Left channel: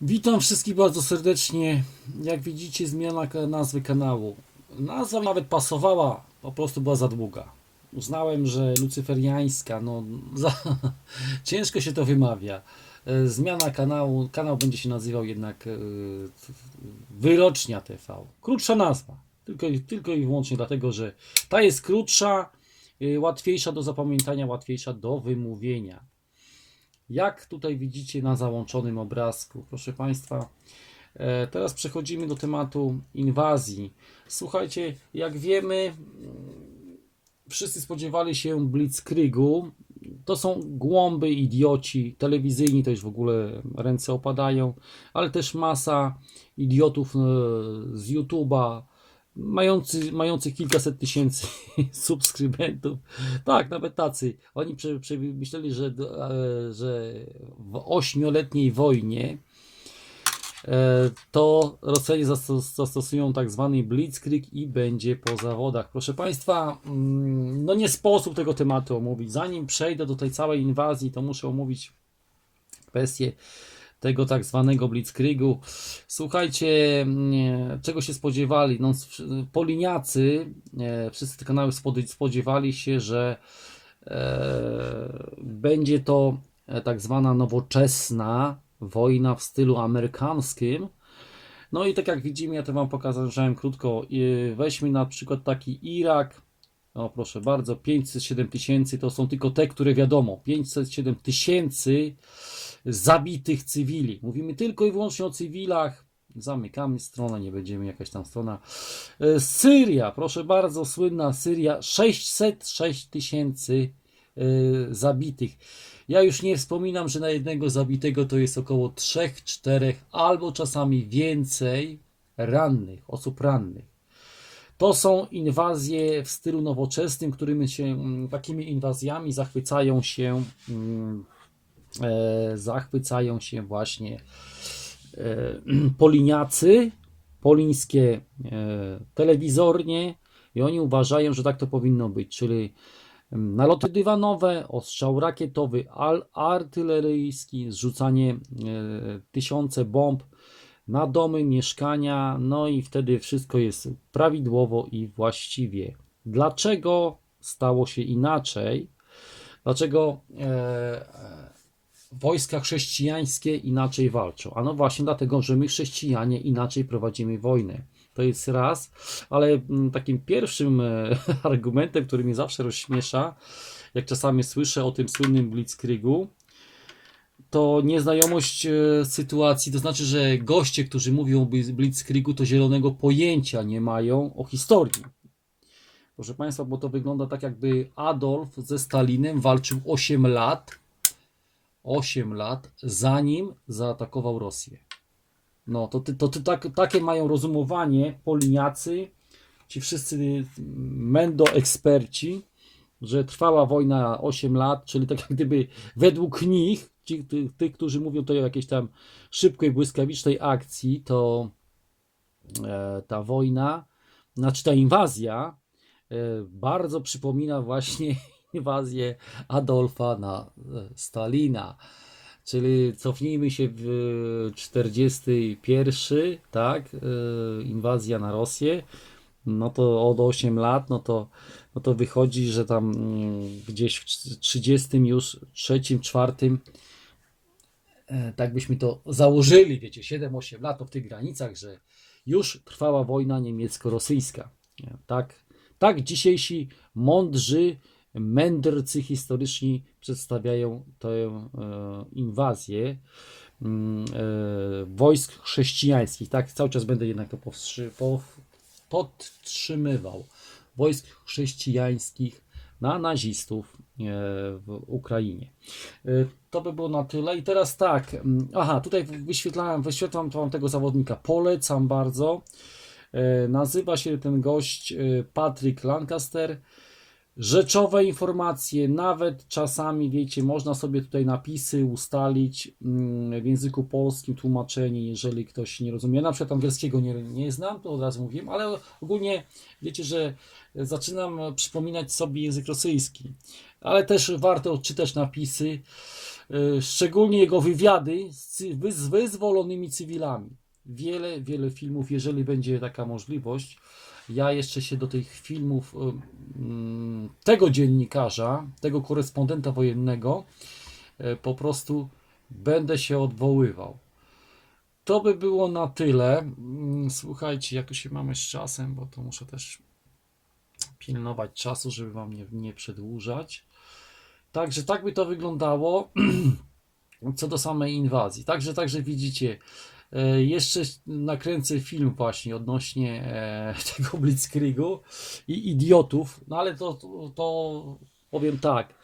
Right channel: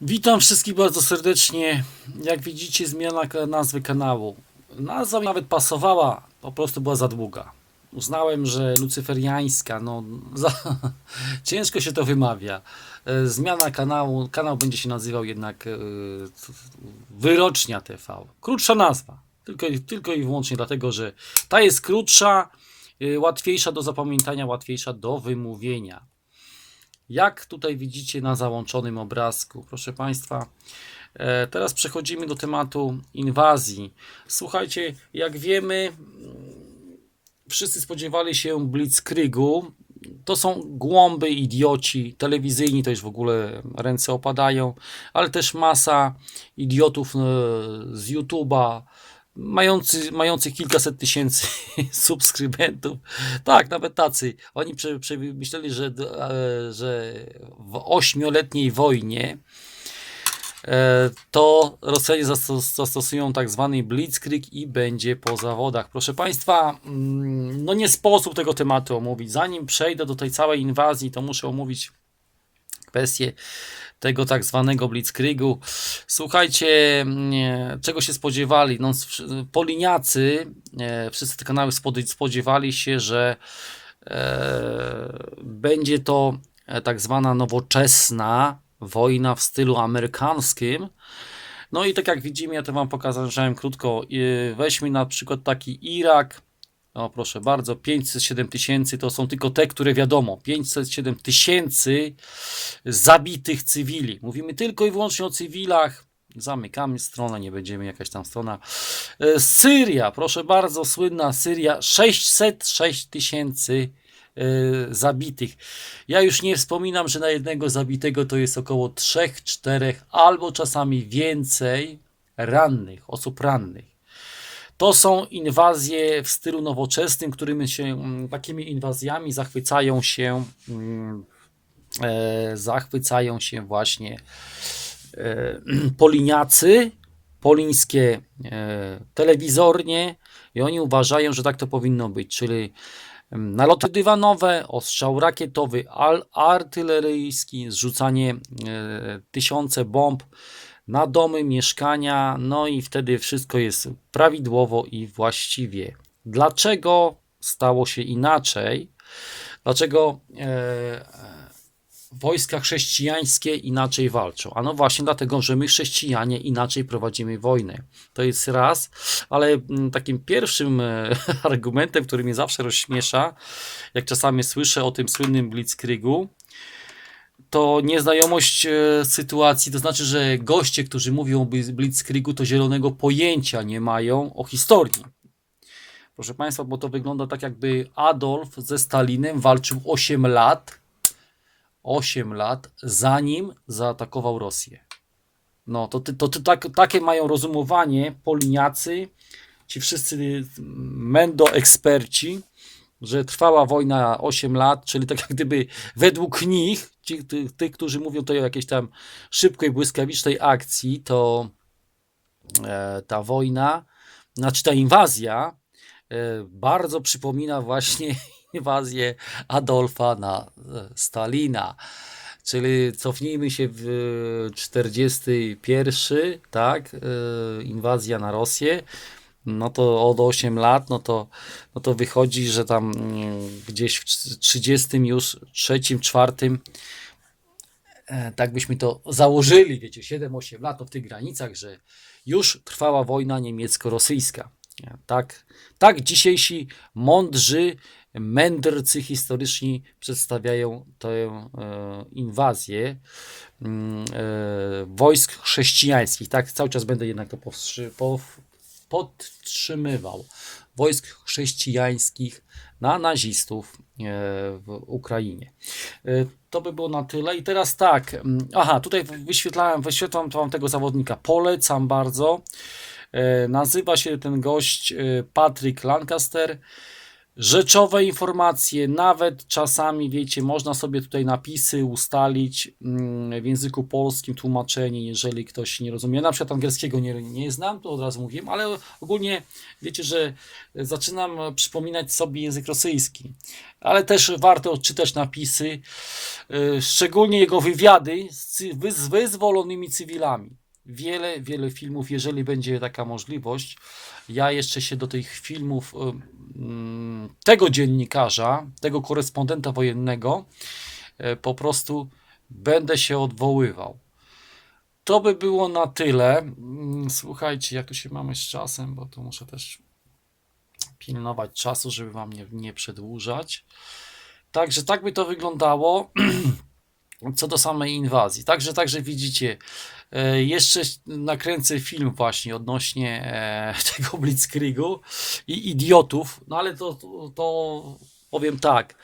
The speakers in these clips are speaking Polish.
Witam wszystkich bardzo serdecznie. Jak widzicie, zmiana nazwy kanału. Nazwa mi nawet pasowała, po prostu była za długa. Uznałem, że lucyferiańska, no za, ciężko się to wymawia. E, Zmiana kanału, kanał będzie się nazywał jednak e, Wyrocznia TV. Krótsza nazwa, tylko, tylko i wyłącznie dlatego, że ta jest krótsza, e, łatwiejsza do zapamiętania, łatwiejsza do wymówienia. Jak tutaj widzicie na załączonym obrazku, proszę Państwa, e, teraz przechodzimy do tematu inwazji. Słuchajcie, jak wiemy, mm, wszyscy spodziewali się Blitzkriegu. To są głąby, idioci, telewizyjni to już w ogóle ręce opadają, ale też masa idiotów e, z YouTube'a, mający, mających kilkaset tysięcy subskrybentów. Tak, nawet tacy. Oni myśleli, że, e, że w ośmioletniej wojnie e, to Rosjanie zastos- zastosują tak zwany blitzkrieg i będzie po zawodach. Proszę Państwa, mm, no nie sposób tego tematu omówić. Zanim przejdę do tej całej inwazji, to muszę omówić kwestię tego tak zwanego blitzkriegu. Słuchajcie, nie, czego się spodziewali? No, poliniacy, wszyscy te kanały spodziewali się, że e, będzie to e, tak zwana nowoczesna wojna w stylu amerykańskim. No i tak jak widzimy, ja to Wam pokazałem krótko. Weźmy na przykład taki Irak. O, proszę bardzo, 507 tysięcy to są tylko te, które wiadomo. 507 tysięcy zabitych cywili. Mówimy tylko i wyłącznie o cywilach. Zamykamy stronę, nie będziemy jakaś tam strona. E, Syria, proszę bardzo, słynna Syria, 606 tysięcy e, zabitych. Ja już nie wspominam, że na jednego zabitego to jest około 3, 4 albo czasami więcej rannych, osób rannych. To są inwazje w stylu nowoczesnym, którymi się, mm, takimi inwazjami zachwycają się, mm, e, zachwycają się właśnie e, poliniacy, polińskie e, telewizornie i oni uważają, że tak to powinno być, czyli mm, naloty dywanowe, ostrzał rakietowy, artyleryjski, zrzucanie e, tysiące bomb na domy, mieszkania, no i wtedy wszystko jest prawidłowo i właściwie. Dlaczego stało się inaczej? Dlaczego e, e, wojska chrześcijańskie inaczej walczą? Ano właśnie dlatego, że my chrześcijanie inaczej prowadzimy wojnę. To jest raz, ale mm, takim pierwszym e, argumentem, który mnie zawsze rozśmiesza, jak czasami słyszę o tym słynnym Blitzkriegu, to nieznajomość e, sytuacji, to znaczy, że goście, którzy mówią o Blitz- Blitzkriegu, to zielonego pojęcia nie mają o historii. Proszę Państwa, bo to wygląda tak, jakby Adolf ze Stalinem walczył 8 lat, 8 lat, zanim zaatakował Rosję. No, to, to, ty- tak, takie mają rozumowanie poliniacy, ci wszyscy mendo eksperci, że trwała wojna 8 lat, czyli tak jak gdyby według nich, tych, którzy mówią tutaj o jakiejś tam szybkiej, błyskawicznej akcji, to e, ta wojna, znaczy ta inwazja e, bardzo przypomina właśnie inwazję Adolfa na e, Stalina. Czyli cofnijmy się w 41, tak, inwazja na Rosję, no to od 8 lat, no to, no to wychodzi, że tam mm, gdzieś w 30 już, trzecim, czwartym, e, tak byśmy to założyli, wiecie, 7-8 lat to w tych granicach, że już trwała wojna niemiecko-rosyjska. Nie? Tak, tak dzisiejsi mądrzy mędrcy historyczni przedstawiają tę e, inwazję mm, e, wojsk chrześcijańskich. Tak, cały czas będę jednak to podtrzymywał. Wojsk chrześcijańskich na nazistów e, w Ukrainie. E, To by było na tyle. I teraz tak, aha, tutaj wyświetlałem, wyświetlam wam tego zawodnika. Polecam bardzo. E, Nazywa się ten gość Patrick Lancaster. Rzeczowe informacje, nawet czasami, wiecie, można sobie tutaj napisy ustalić mm, w języku polskim, tłumaczenie, jeżeli ktoś nie rozumie. Na przykład angielskiego nie, nie znam, to od razu mówiłem, ale ogólnie wiecie, że zaczynam przypominać sobie język rosyjski. ale też warto odczytać napisy, y, szczególnie jego wywiady z, z wyzwolonymi cywilami. Wiele, wiele filmów, jeżeli będzie taka możliwość. Ja jeszcze się do tych filmów y, mm, tego dziennikarza, tego korespondenta wojennego, y, po prostu będę się odwoływał. To by było na tyle. Mm, Słuchajcie, jak tu się mamy z czasem, bo to muszę też pilnować czasu, żeby wam nie, nie przedłużać. Także tak by to wyglądało co do samej inwazji. Także, także widzicie, e, jeszcze nakręcę film właśnie odnośnie e, tego Blitzkriegu i idiotów, no ale to, to, powiem tak.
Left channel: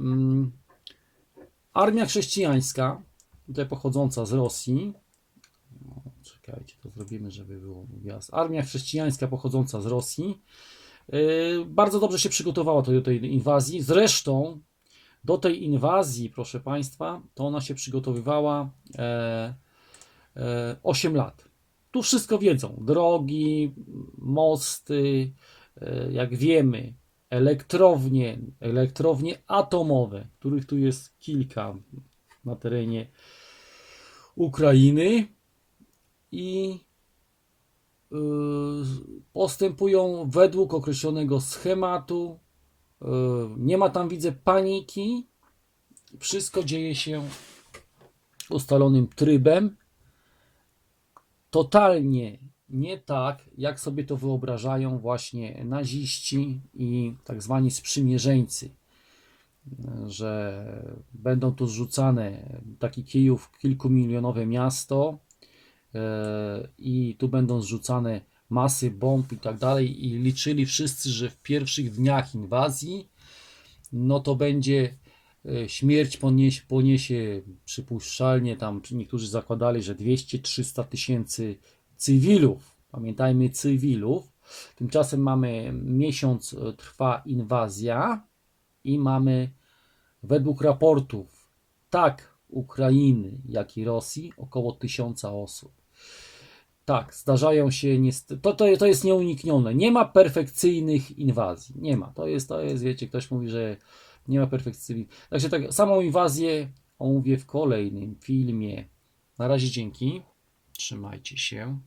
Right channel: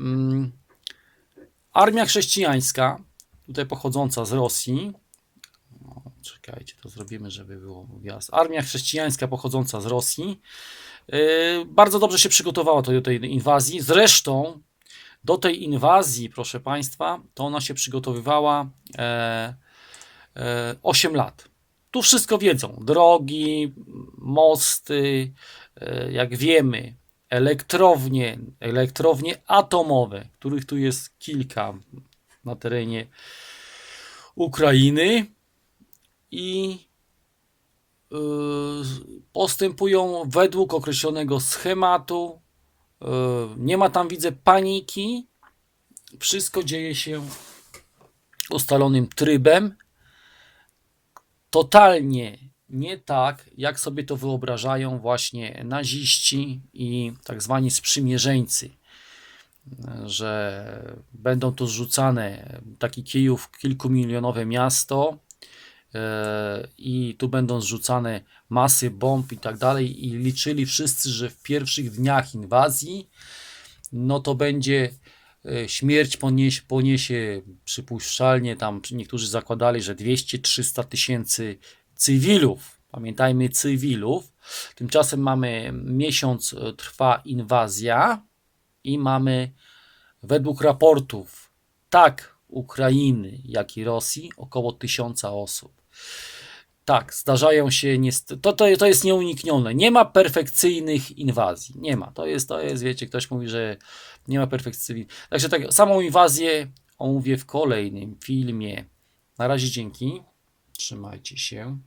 Mm, Armia chrześcijańska, tutaj pochodząca z Rosji, czekajcie, to zrobimy, żeby było jasne. Armia chrześcijańska pochodząca z Rosji yy, bardzo dobrze się przygotowała do tej inwazji. Zresztą do tej inwazji, proszę Państwa, to ona się przygotowywała e, e, 8 lat. Tu wszystko wiedzą. Drogi, mosty, e, jak wiemy, elektrownie, elektrownie atomowe, których tu jest kilka na terenie Ukrainy i y, postępują według określonego schematu. Y, Nie ma tam, widzę, paniki. Wszystko dzieje się ustalonym trybem. Totalnie nie tak, jak sobie to wyobrażają właśnie naziści i tak zwani sprzymierzeńcy że będą tu zrzucane taki Kijów, kilkumilionowe miasto e, i tu będą zrzucane masy bomb i tak dalej i liczyli wszyscy, że w pierwszych dniach inwazji no to będzie e, śmierć poniesie, poniesie przypuszczalnie tam niektórzy zakładali, że 200-300 tysięcy cywilów, pamiętajmy cywilów, tymczasem mamy miesiąc e, trwa inwazja, i mamy według raportów tak Ukrainy, jak i Rosji około tysiąca osób. Tak, zdarzają się niestety, to, to, to jest nieuniknione. Nie ma perfekcyjnych inwazji. Nie ma. To jest, to jest, wiecie, ktoś mówi, że nie ma perfekcyjnych. Także tak, samą inwazję omówię w kolejnym filmie. Na razie dzięki. Trzymajcie się.